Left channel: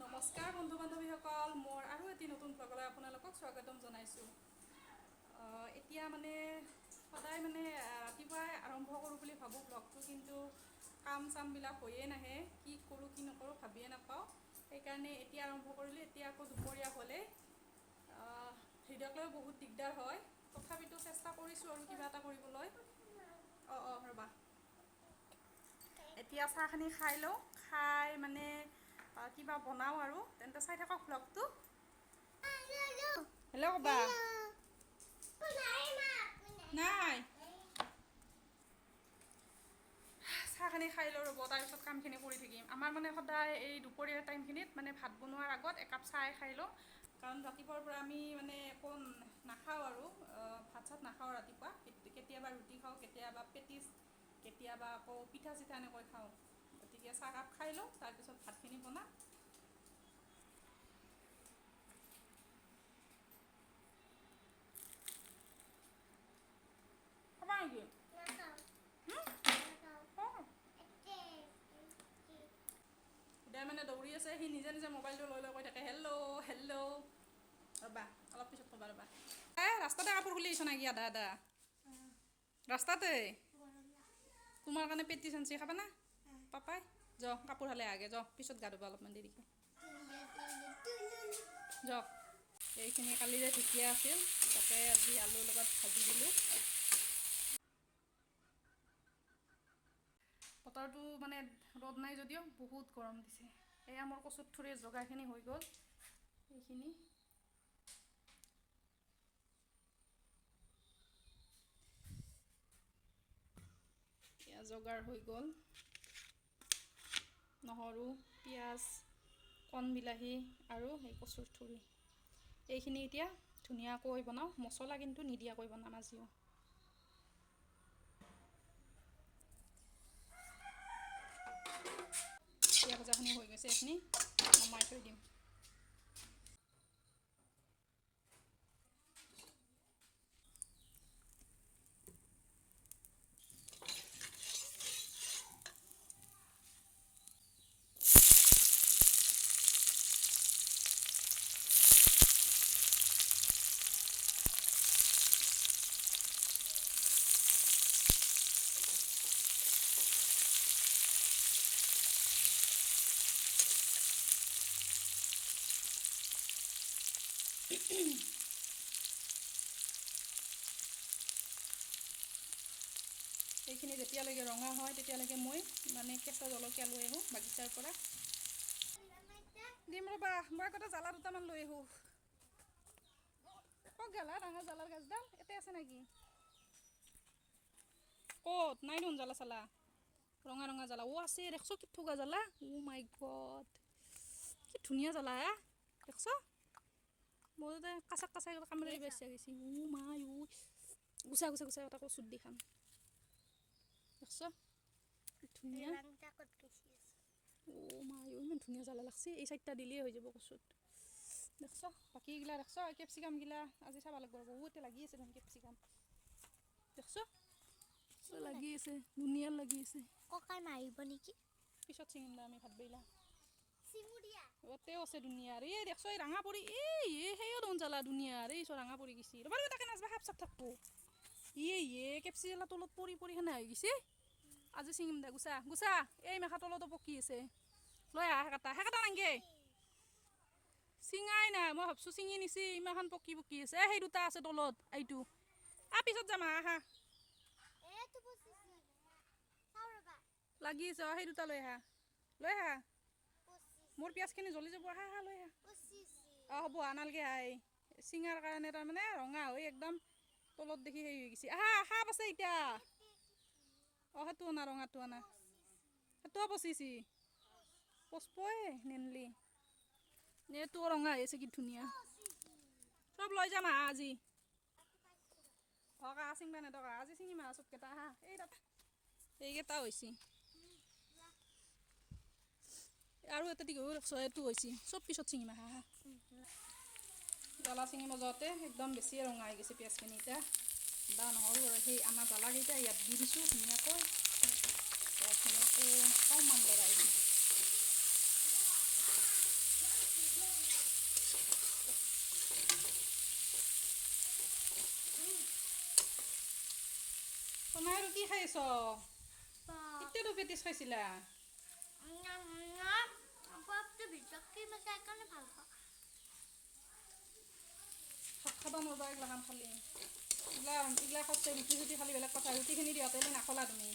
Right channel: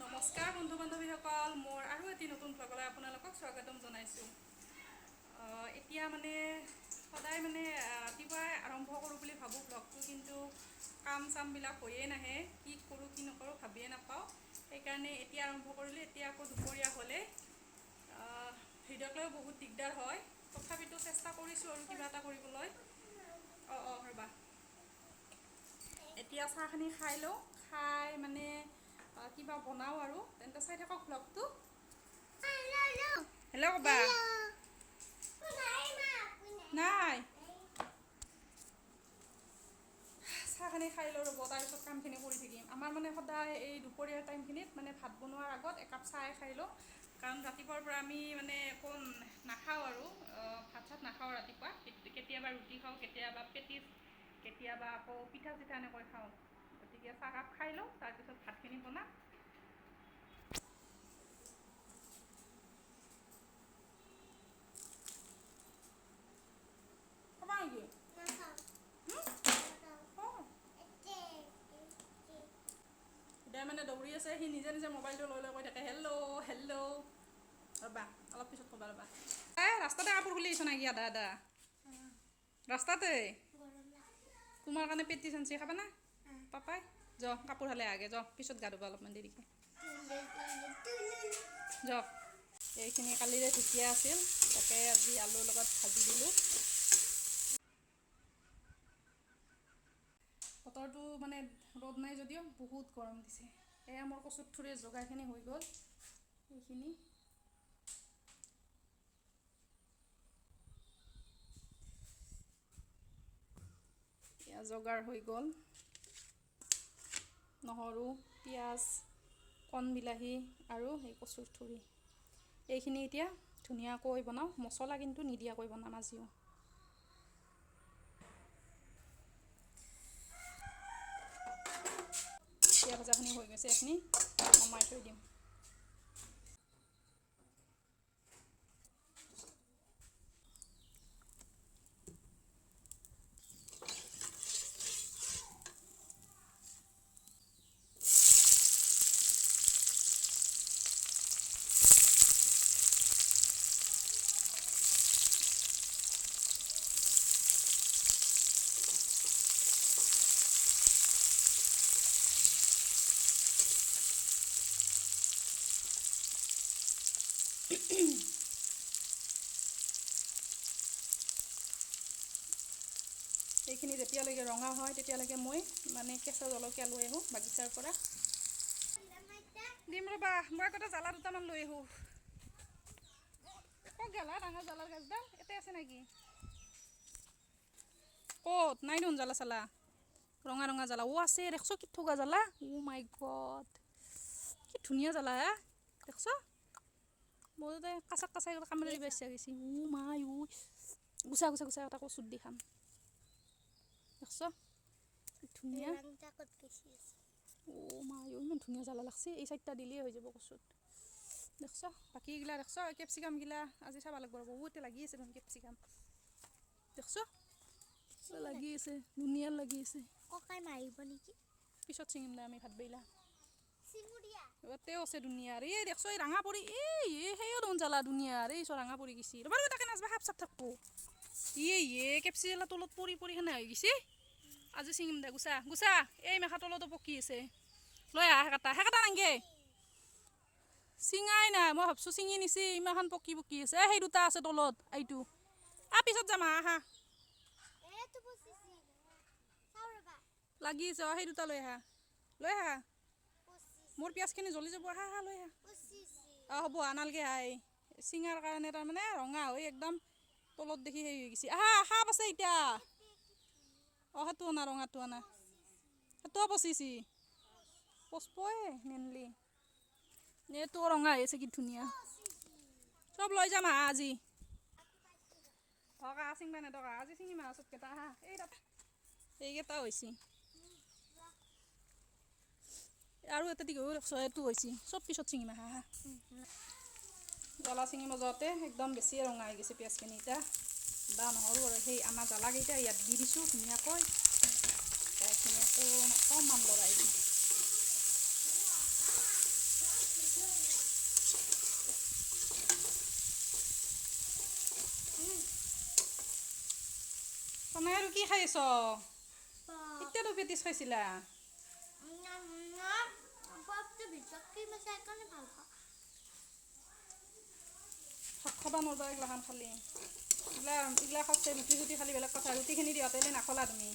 নমস্কাৰ বন্ধু বান্ধৱীসকল, মোৰ আৰু এটি নতুন ব্লগলৈ আপোনালোকক স্বাগতম জনাইছোঁ। এতিয়া মানে সদায় মানে ৰাতিপুৱাই আৰম্ভ কৰোঁ বুলি ভাবোঁ ব্লগটো, কিন্তু কাম চামবিলাক হৈয়ে নাহে, কি কৰোঁ কি নকৰোঁ ভাবিয়ে নাপাওঁ। সেইকাৰণে এতিয়া আৰম্ভ কৰিলোঁ। এতিয়া আকৌ দুপৰীয়া হ'লে ভিডিঅ'ক লৈ বহুত দিগদাৰ হয়, তথাপিতো চেষ্টা কৰিছোঁ আৰু কিবা এটা কৰিবলৈ। ৰ'বা, এতিয়া চাহখিনি খাই লওঁ, খাই মানে কিবা বনাওঁ আৰু তেন্তে চাই থাকক ব্লগটো। হেল্ল' ক'বা নাই, চাহখিনি খাই লওঁ ৰ'ব, তাৰপিছত কামখিনি কৰি থাকিম। আমাৰ মানে সদায় এই দুপৰীয়াৰ টাইমখিনিত মানে ভাত বনোৱাৰ আগত একাপ চাহ খাই লওঁ, কাৰণ ৰাতিপুৱাৰ পৰা আমি মানে একো নাখাওঁ আৰু ভাত চাত নাখাওঁ ৰাতিপুৱা। কেতিয়াবা ৰুটি খাওঁ, কেতিয়াবা পেটিছ, কেতিয়াবা আকৌ পিঠা চিঠা এনেকৈ খাওঁ। গতিকে চাহকাপ খাই লওঁ, তাৰপিছত ভাতখিনি বনাম। দেৰ মানে দৌৰি আছে, সি নিজে নিজে মোবাইলটো লৈ লৈ কৈ থাকে হেল্ল' হেল্ল'। ৰ'বা অলপ পিছত ক'বা, ৰ'বা। ৰাস্তাতে কাপোৰ খুলি আহিছ নেকি আদা আদা? ৰাস্তাতে তোমাৰ কাৰণে পেটি চাঞ্চি খাবা না পাপাই? যাওক কাপোৰ হালে আগে, যাওক পিছত গা ধুবা অলপমান দেৰিকৈ, যাওক। এইখিনি কালিৰে ঢেকীয়া আছিল, তাকে আজি আলুৰ লগত ভাজি দিলোঁ। বতৰটো মানে ৰ'দ নাই যদিও বহুত গৰম দিছে। এয়া মোৰ কচুৰ ঠুৰিৰ যোগাৰখিনি হৈ গ'ল, এইখিনি এয়া যোগাৰ হৈ গ'ল। নহৰু, পিঁয়াজ, কণ বিলাহী আৰু সেই কচুৰ ঠুৰি, এইখিনি এতিয়া ধুনীয়াকৈ বনাওঁ। মছলা কিন্তু নিদিয়াকৈ বনাম আজিও। পিঁয়াজ ভজাখিনি হৈ গৈছে, এইখিনি নমাই থৈ দিম। এইখিনি যেতিয়ালৈকে ৰঙা হয় তেতিয়ালৈকে মই মানে কেঁচা জলকীয়া লৈ আহোঁ বাগিচাৰ পৰা। দিম ৰ'বা, মই আগতে জ্বালা দুটামান লৈ আহোঁ। ক'ত গেলা ডাঙৰ জ্বালাৰ গাছডাল? ইয়াতে আছে নেকি? ক'ত? নাই দেখোন জ্বালা চালা। ৰঙা ৰঙা জ্বালা আছে, দেখছ কি থকা জ্বালা? মাই গড, কি ধুনীয়া জ্বালা হে, দেখছ? মই কাচাক কাচাই কামুৰি দিব ইচ্ছা গৈছে। মাই গুচা গুচা গুচা এটা কচুত দি খাম, দেখছ কি ধুনীয়া। মাই ইমান ধুনীয়া জ্বালা লাগছে। এই চাইডটা দিলেই হৈ যাব কচুত, দেখছ? বাকীগিলা দেখছ? কেপচিকামগিলা আজি চাব লাগিব, বহুতে লাগি আছে দেখোন কেপচিকাম, দেখছ? লাগি আছে, ধুনীয়া লাগি আছে। ককাই মাৰিব নেকি? পিছত ছিঙিম দে আমি ভাত বেলা। ইয়াতেও আছে দুনিয়াৰ, এই দেখছ এই ৰঙা পৰি, এই সেইও দেখোন জ্বালা দুনিয়াৰ, এই ৰঙা পৰি গৈছে। ৰ'বা তাকে নাচবা, সাপ চাপ থাকব। কেপচি জ্বালা তলত পৰি পৰি সেনে হৈ গৈছে। আজি ছিঙিম দে, গুচা গুচা। এই মেখা তলতো পকি আছে, লৈ আহ সেকেটা নাংগে। চিঙাই নাই, মই ভাবছোঁ চিঙি নিছি, ইমানখন পকি পকি আছে। সেই দুটা আছে তলত, এইটো পিছত যাম আহা। লাগি আছে, সেই দুটা লৈ আহা, লৈ আহা। মোৰ পিঁয়াজখিনি জ্বলি যাব, আহা আহা লৈ আহা। হ'ব নালগে আহ, চিঙাৰ কাৰণে তাৰমানে ৰঙা হৈ একদম তলত দেখি সেই হৈ গৈছে। আহা সাপ আছে এতিয়া। সেইটো অনা, ৰঙাটো অনা, সেইটোও পচিছি, পচবই নেনলি। এইটো ৰঙা হৈ আছে, কি ধুনীয়া। চব লৈ যাম আহা আজি। চিঙবা নেদকা, আজি চিঙিম আহা চবকেইটা আহা। এইকেইটা হৈছে আৰু এটা দীঘল এইটো হৈছে, চব পিছত ছিঙিম আহা। জ্বালা ছিঙিব যাওঁতে একদম বেছিয়ে ৰঙা হৈ গৈছে পিঁয়াজখিনি। এতিয়া আদা নহৰু আৰু সেই আনা জ্বালাকেইটা ইয়াত দি দিছোঁ ধুনীয়াকৈ। পিঁয়াজখিনি অকণমান লৰাই দিম। তই আৰু কি খাই আছ? এতিয়াতো পেটিছ খাইছিলা। ভাত খাব নোৱাৰিবা এইগিলাখান খালি। এইগিলা খাওঁতে ৰুটি চুটি খালি বেলেগ কথা, ৰুটিখিনি দিওঁতে নাখলা তুমি।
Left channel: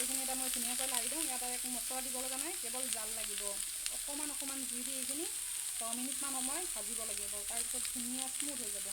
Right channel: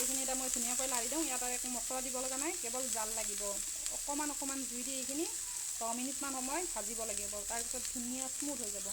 এইখিনি এটা মই ধুনীয়াকৈ লাৰি দিওঁ। ইয়াত একো মছলা দিব লগা নাই, কেৱল জাল লাগিব। অকণমান জুই দি এইখিনি 10 মিনিটমান সময় ভাজিব লাগিব। তাৰপিছত ধুনীয়া স্মুথ হৈ যাব।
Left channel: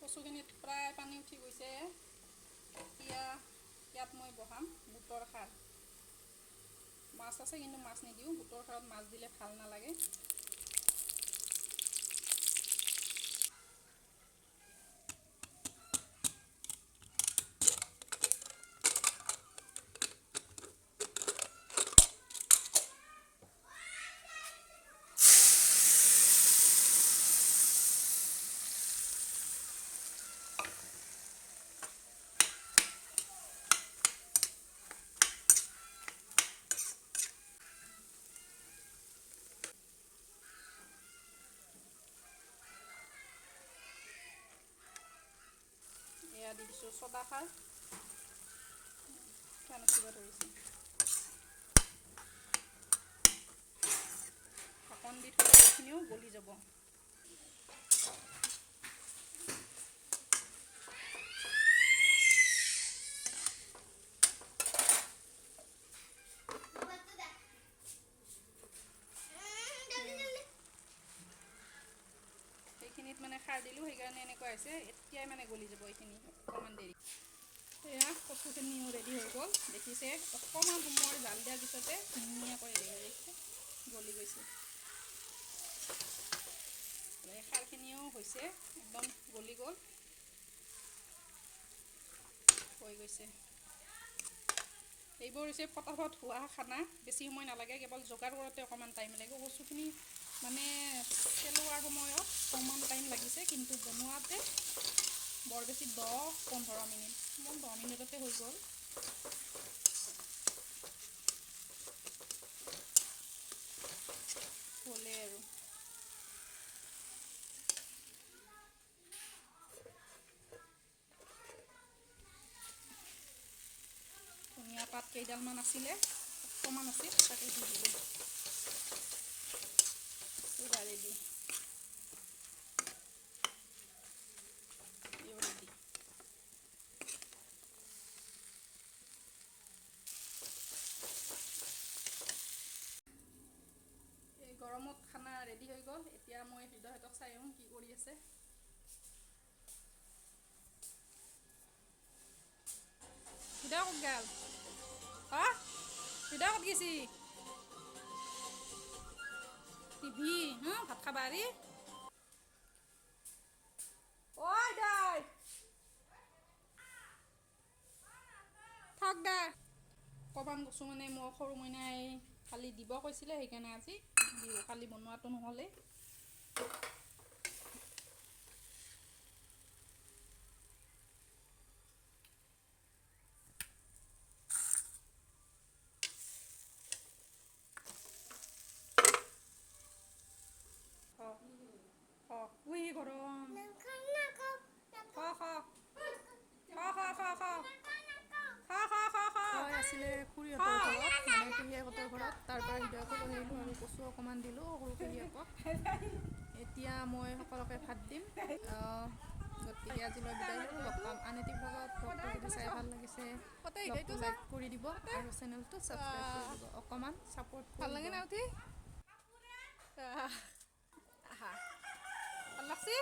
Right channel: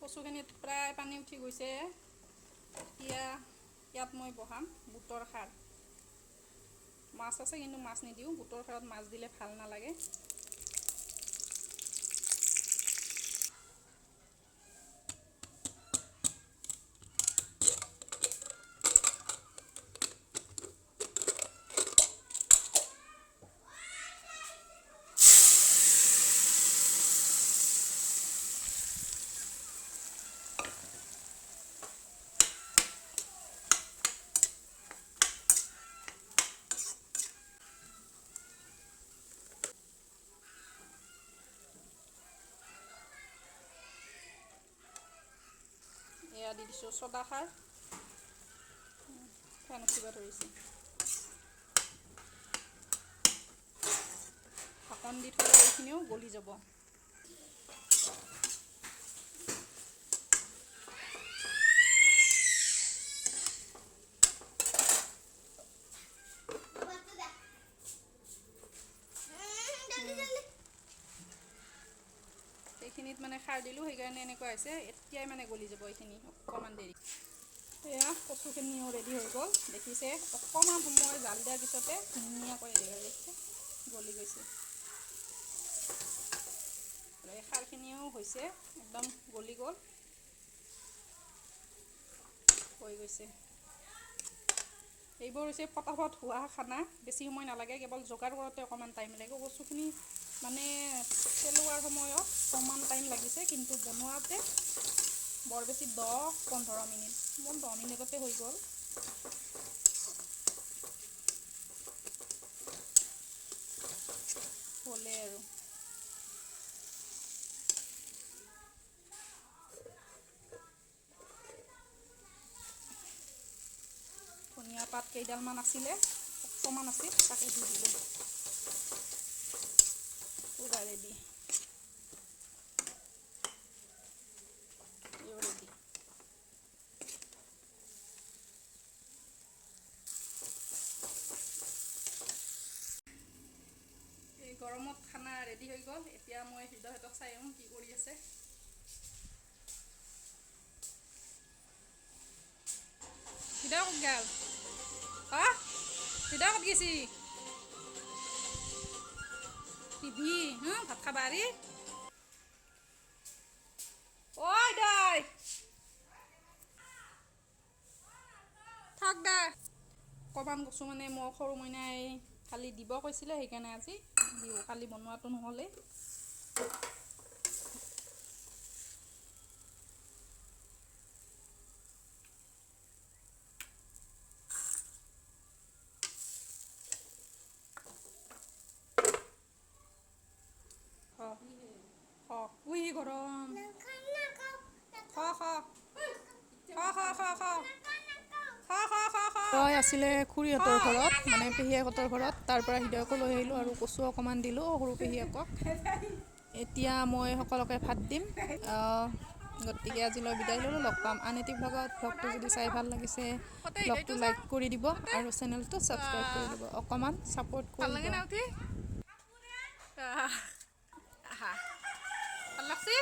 কচুখিনিত প্ৰায় পানী উঠি গৈছে। এতিয়া ইয়াত মই বহাম বুটৰ খাৰ। মাছ আছে কিন্তু মাছ নিদিওঁ, বুটৰ খাৰত মাছ দিলে ভাল নালাগে। এয়া দি দিছোঁ চদা খাৰ। ফেন উঠিব ধৰিছে। ঢাকন দি থ'লে এইখিনিও গলি যাব। এইখিনিত মানে খাৰ দিলোঁ, সেইকাৰণে এনেকুৱা হৈছে। এতিয়াই মানে গলি যাব এইখিনি অকণমান দেৰি। এয়া কচুখিনিও ৰেডি হৈ গ'ল, দেখিছে। অকণমান সময় জাল দিয়াৰ পিছতে ধুনীয়াকৈ ৰেডি হৈ গৈছে, গলি গৈছে। এই খাৰখিনিও হৈছে, একদম গলি গ'ল, হৈ গৈছে। এইবোৰ হৈছে ফটাফট হোৱা খানা, বেছি সময় নালাগে। কেৱল যোগাৰ কৰোঁতে অকণমান টাইম লাগে। কচুখিনি মানে পেলোৱাৰ সময়ত অকণমান টাইম লাগিছে, কিন্তু বনোৱাতে বৰ বেছি 10-15 মিনিট, মোৰ 10 মিনিটতে হৈ গ'ল। হ'লে আৰু ধনিয়া পাত কেইডালমান আছিলে, অকণমান আছিল, তাকে দি দিলোঁ। পূৰা ৰেডি। ৰেডি। এই গৰমত খানা ৰেডি হৈ গ'ল। এতিয়া মই হৃদয়হঁতক চাই আহোঁ কি কৰি আছে। হৃদয় ক'ত গ'ল? হা, হৃদয় ক'ত গৈছি? টিভি ভাত খাবা আৰি। ঐ হৃদয়, থাক দে। অকণমান কচু মানে মোৰ সৰু মইনাই কালি দিব কৈছিলে, সেইকাৰণে আজি বিহু কালি বনোৱাটো নহ'লে উই গৰম তই আছিলে খুৰীহঁতৰ ঘৰত মানে পেহীয়েকহঁতৰ ঘৰত তাৰ পৰা হৃদয়কো লৈ আহিলোঁ আৰু কচু অকণমান দিলোঁ সৰু পেহীয়েকক এতিয়া মই সকলোকে ভাত দিম গতিকে আজিলৈ বিদায় ল'লোঁ লগ পাম আন এটি ভ্লগত ভ্লগটো যদি চাই ভাল লাগিছে ভ্লগটো লাইক কৰি দিব আৰু চেনেলটো ছাবস্ক্ৰাইব কৰি দিব অকণমান ছাপোৰ্ট কৰি দিব ভাল লাগছি